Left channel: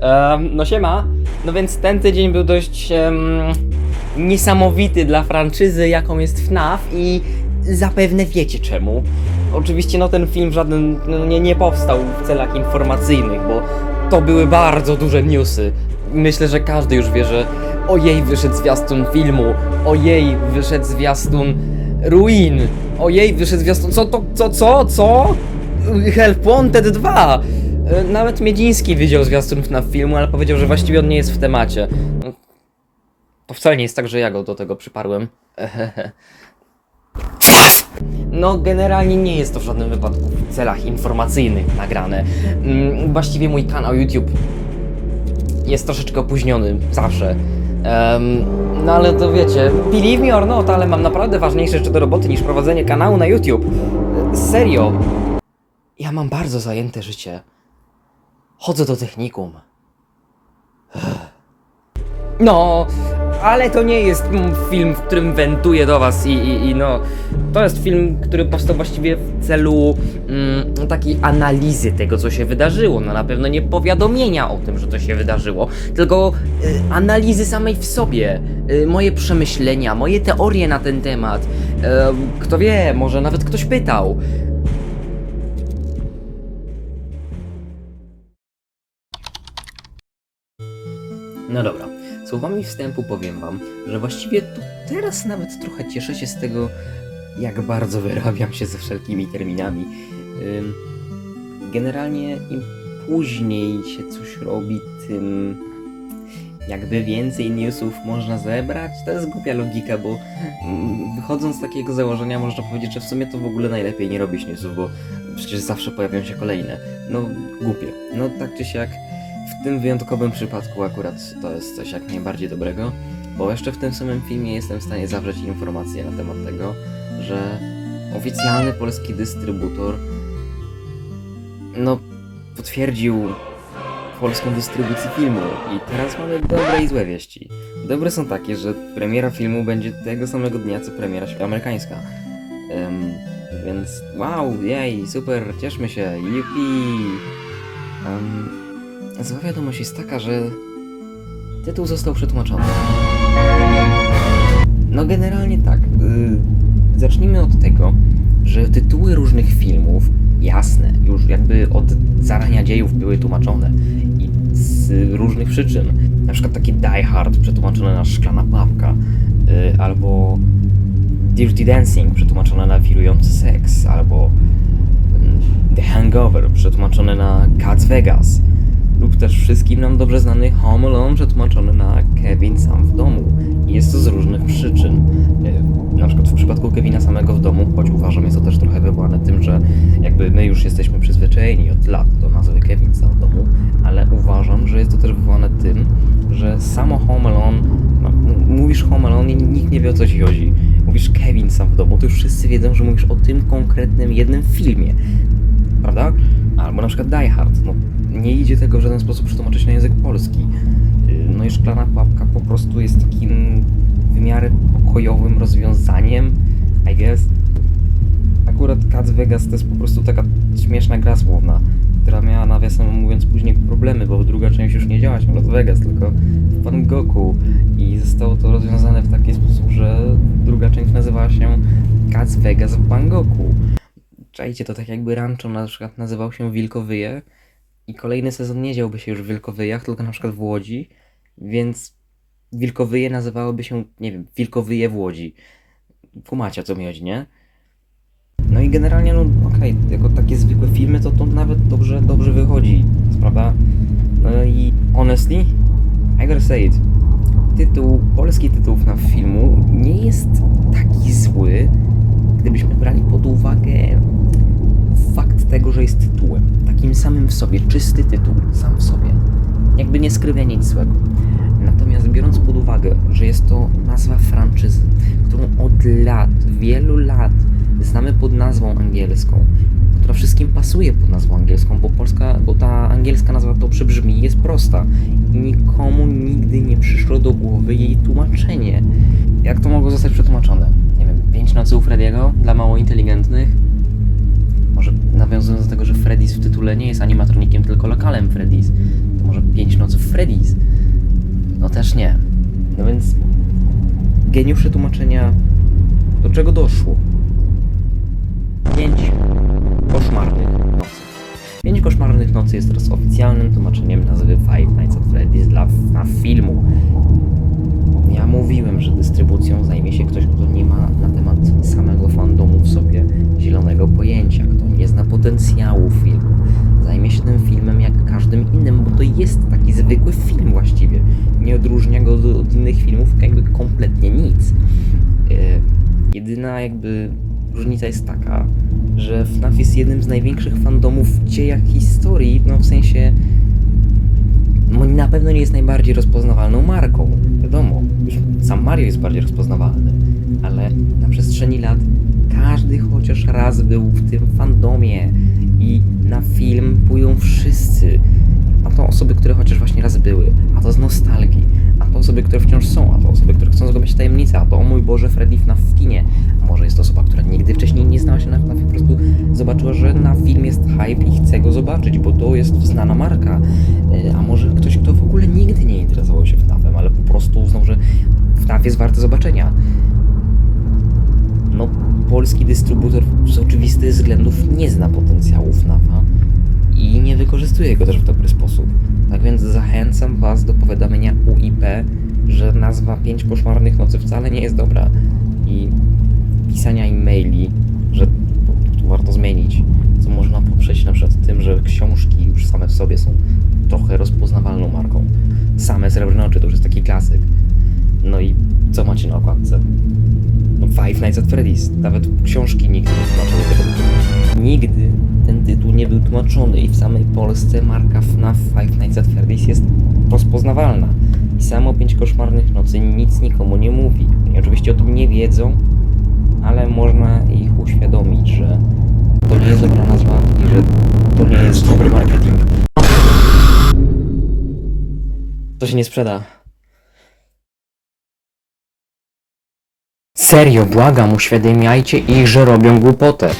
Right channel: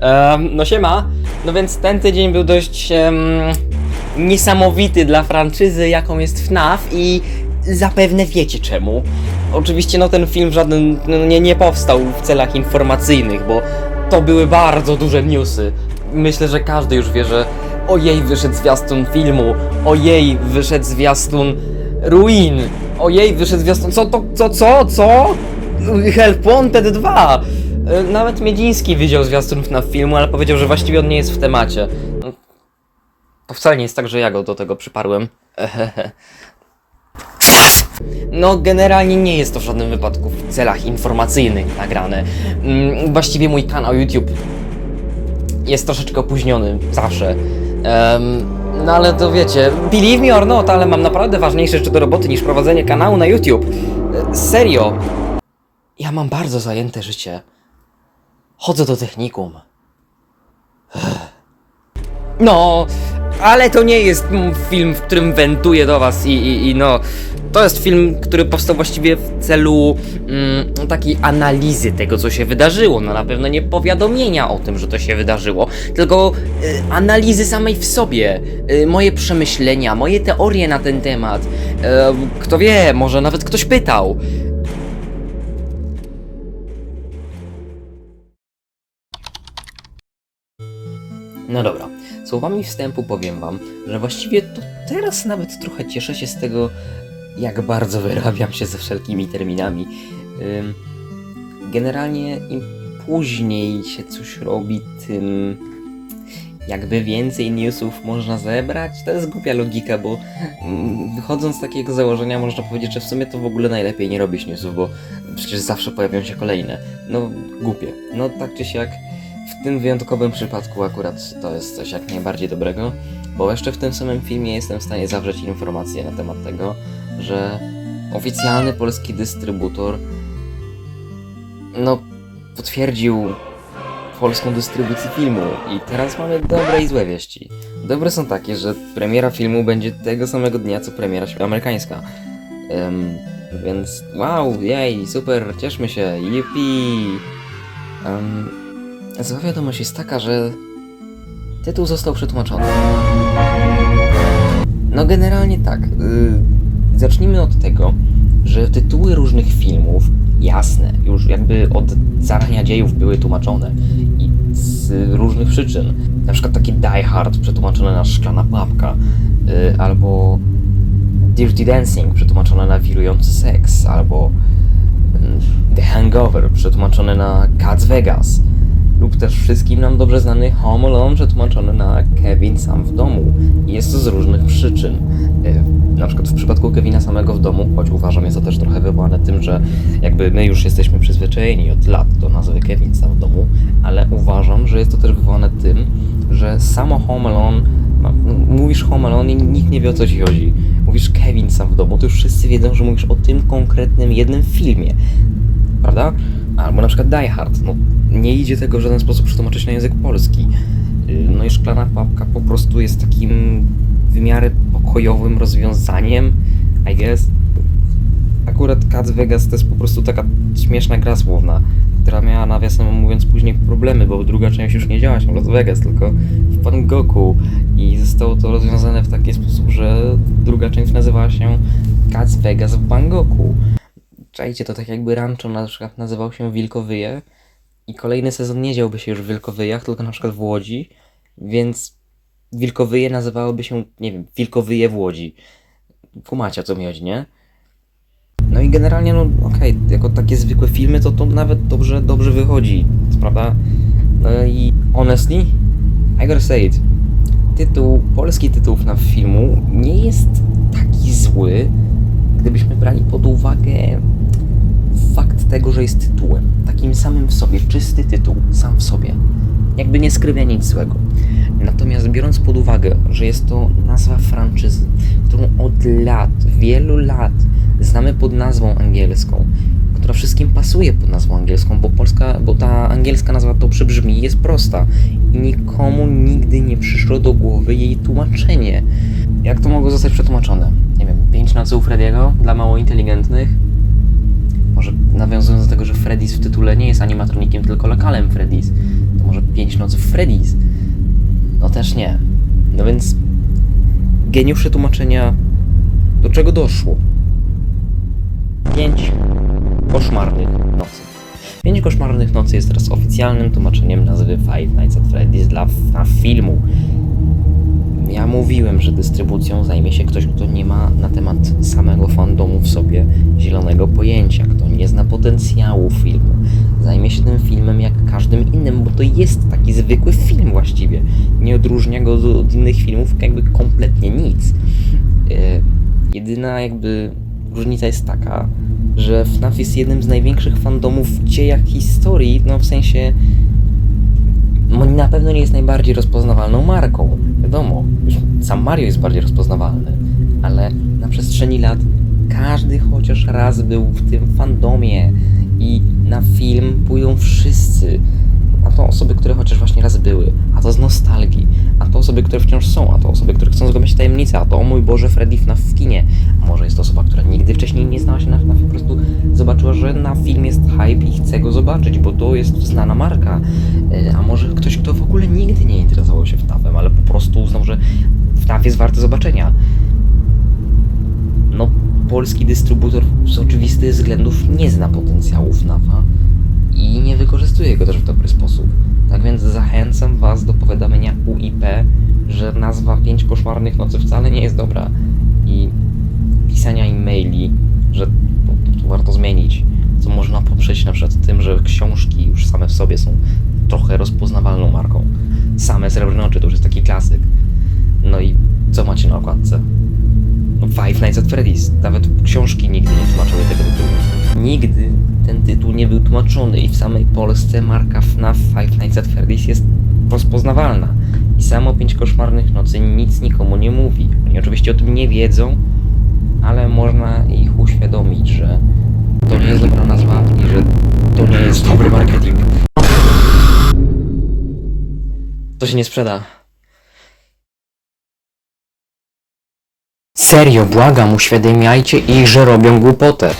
Em, no siema. No więc ten tydzień był dość em, niesamowity dla franczyzy, jaką jest FNAF i zapewne wiecie czemu. Oczywiście no ten film żaden no, nie, nie powstał w celach informacyjnych, bo to były bardzo duże newsy. Myślę, że każdy już wie, że ojej wyszedł zwiastun filmu, ojej wyszedł zwiastun Ruin, ojej wyszedł zwiastun... Co to, co, co, co? Help Wanted 2! E, Nawet Miedziński widział zwiastun na filmu, ale powiedział, że właściwie on nie jest w temacie. No, To wcale nie jest tak, że ja go do tego przyparłem. No, generalnie nie jest to w żadnym wypadku w celach informacyjnych nagrane. Mm, Właściwie mój kanał YouTube jest troszeczkę opóźniony, zawsze. Em, no ale to wiecie, believe me or not, ale mam naprawdę ważniejsze rzeczy do roboty niż prowadzenie kanału na YouTube. E, Serio. Ja mam bardzo zajęte życie. Chodzę do technikum. No, ale to nie jest film, w którym wentuję do was i, i, i no, to jest film, który powstał właściwie w celu mm, takiej analizy tego, co się wydarzyło. No na pewno nie powiadomienia o tym, że to się wydarzyło, tylko y, analizy samej w sobie, y, moje przemyślenia, moje teorie na ten temat. Y, kto wie, może nawet ktoś pytał. No dobra, słowami wstępu powiem wam, że właściwie to teraz nawet trochę cieszę się z tego, jak bardzo wyrabiam się ze wszelkimi terminami. Generalnie im później się coś robi, tym jakby więcej newsów można zebrać. To jest głupia logika, bo mm, wychodząc z takiego założenia można powiedzieć, że w sumie to w ogóle najlepiej nie robić newsów, bo przecież zawsze pojawią się kolejne. No głupie. No tak czy siak w tym wyjątkowym przypadku akurat to jest coś jak najbardziej dobrego, bo jeszcze w tym samym filmie jestem w stanie zawrzeć informacje na temat tego, że oficjalny polski dystrybutor no potwierdził polską dystrybucję filmu i teraz mamy dobre i złe wieści. Dobre są takie, że premiera filmu będzie tego samego dnia co premiera amerykańska. Em, więc wow, jej, super, cieszmy się, yippee! Um, Zła wiadomość jest taka, że tytuł został przetłumaczony. No generalnie tak. y, zacznijmy od tego, że tytuły różnych filmów, jasne, już jakby od zarania dziejów były tłumaczone i z różnych przyczyn. Na przykład taki Die Hard przetłumaczone na Szklana Papka, y, albo Dirty Dancing przetłumaczone na Wirujący Seks, albo mm, The Hangover przetłumaczone na Cats Vegas lub też wszystkim nam dobrze znany Home Alone przetłumaczony na Kevin sam w domu. Jest to z różnych przyczyn. E, Na przykład w przypadku Kevina samego w domu, choć uważam jest to też trochę wywołane tym, że jakby my już jesteśmy przyzwyczajeni od lat do nazwy Kevin sam w domu, ale uważam, że jest to też wywołane tym, że samo Home Alone, no, mówisz Home Alone i nikt nie wie o co ci chodzi. Mówisz Kevin sam w domu, to już wszyscy wiedzą, że mówisz o tym konkretnym jednym filmie prawda? Albo na przykład Die Hard, no nie idzie tego w żaden sposób przetłumaczyć na język polski. Yy, No i Szklana Papka po prostu jest takim w miarę pokojowym rozwiązaniem, I guess. Akurat Cats Vegas to jest po prostu taka śmieszna gra słowna, która miała nawiasem mówiąc później problemy, bo druga część już nie działa się w Las Vegas, tylko w Bangkoku i zostało to rozwiązane w taki sposób, że druga część nazywała się Cats Vegas w Bangkoku. Czajcie, to tak jakby rancho na przykład nazywał się Wilkowyje i kolejny sezon nie działby się już w Wilkowyjach, tylko na przykład w Łodzi, więc Wilkowyje nazywałoby się, nie wiem, Wilkowyje w Łodzi. Kumacie co mi chodzi, nie? No i generalnie, no okej, jako takie zwykłe filmy, to to nawet dobrze, dobrze wychodzi, prawda? No i honestly, I gotta say it, tytuł, polski tytuł na filmu nie jest taki zły, gdybyśmy brali pod uwagę fakt tego, że jest tytułem. Takim samym w sobie, czysty tytuł, sam w sobie. Jakby nie skrywia nic złego. Natomiast biorąc pod uwagę, że jest to nazwa franczyzy, którą od lat, wielu lat znamy pod nazwą angielską, która wszystkim pasuje pod nazwą angielską, bo polska, bo ta angielska nazwa dobrze brzmi i jest prosta i nikomu nigdy nie przyszło do głowy jej tłumaczenie. Jak to mogło zostać przetłumaczone? Nie wiem, pięć nocy u Frediego dla mało inteligentnych? Może nawiązując do tego, że Freddy's w tytule nie jest animatronikiem, tylko lokalem Freddy's, to może Pięć Nocy Freddy's? No też nie. No więc geniusze tłumaczenia do czego doszło? Pięć koszmarnych nocy. Pięć koszmarnych nocy jest teraz oficjalnym tłumaczeniem nazwy Five Nights at Freddy's dla filmu. Ja mówiłem, że dystrybucją zajmie się ktoś, kto nie ma na temat samego fandomu w sobie zielonego pojęcia, kto nie zna potencjału filmu. Zajmie się tym filmem jak każdym innym, bo to jest taki zwykły film właściwie. Nie odróżnia go od- innych filmów jakby kompletnie nic. E, Jedyna jakby różnica jest taka, że FNAF jest jednym z największych fandomów w dziejach historii, no w sensie na pewno nie jest najbardziej rozpoznawalną marką. Wiadomo, sam Mario jest bardziej rozpoznawalny, ale na przestrzeni lat każdy chociaż raz był w tym fandomie i na film pójdą wszyscy. A to osoby, które chociaż właśnie raz były, a to z nostalgii, a to osoby, które wciąż są, a to osoby, które chcą zgłębiać tajemnicę, a to o mój Boże, Freddy FNAF w kinie. A może jest to osoba, która nigdy wcześniej nie znała się na FNAF i po prostu zobaczyła, że na film jest hype i chce go zobaczyć, bo to jest znana marka. E, A może ktoś, kto w ogóle nigdy nie interesował się FNAF-em, ale po prostu uznał, że FNAF jest warty zobaczenia. No, polski dystrybutor z oczywistych względów nie zna potencjału FNAF-a i nie wykorzystuje go też w dobry sposób. Tak więc zachęcam Was do powiadomienia UIP, że nazwa Pięć Koszmarnych Nocy wcale nie jest dobra i pisania e-maili, że to warto zmienić, co można poprzeć na przykład tym, że książki już same w sobie są trochę rozpoznawalną marką. Same Srebrne Oczy to już jest taki klasyk. No i co macie na okładce? No Five Nights at Freddy's. Nawet książki nigdy nie tłumaczyły tego tytułu. Nigdy ten tytuł nie był tłumaczony i w samej Polsce marka FNAF Five Nights at Freddy's jest rozpoznawalna. I samo Pięć Koszmarnych Nocy nic nikomu nie mówi. Oni oczywiście o tym nie wiedzą, ale można ich uświadomić, że to nie jest dobra nazwa i że to nie jest dobry marketing. To się nie sprzeda. Serio, błagam, uświadamiajcie ich, że robią głupotę.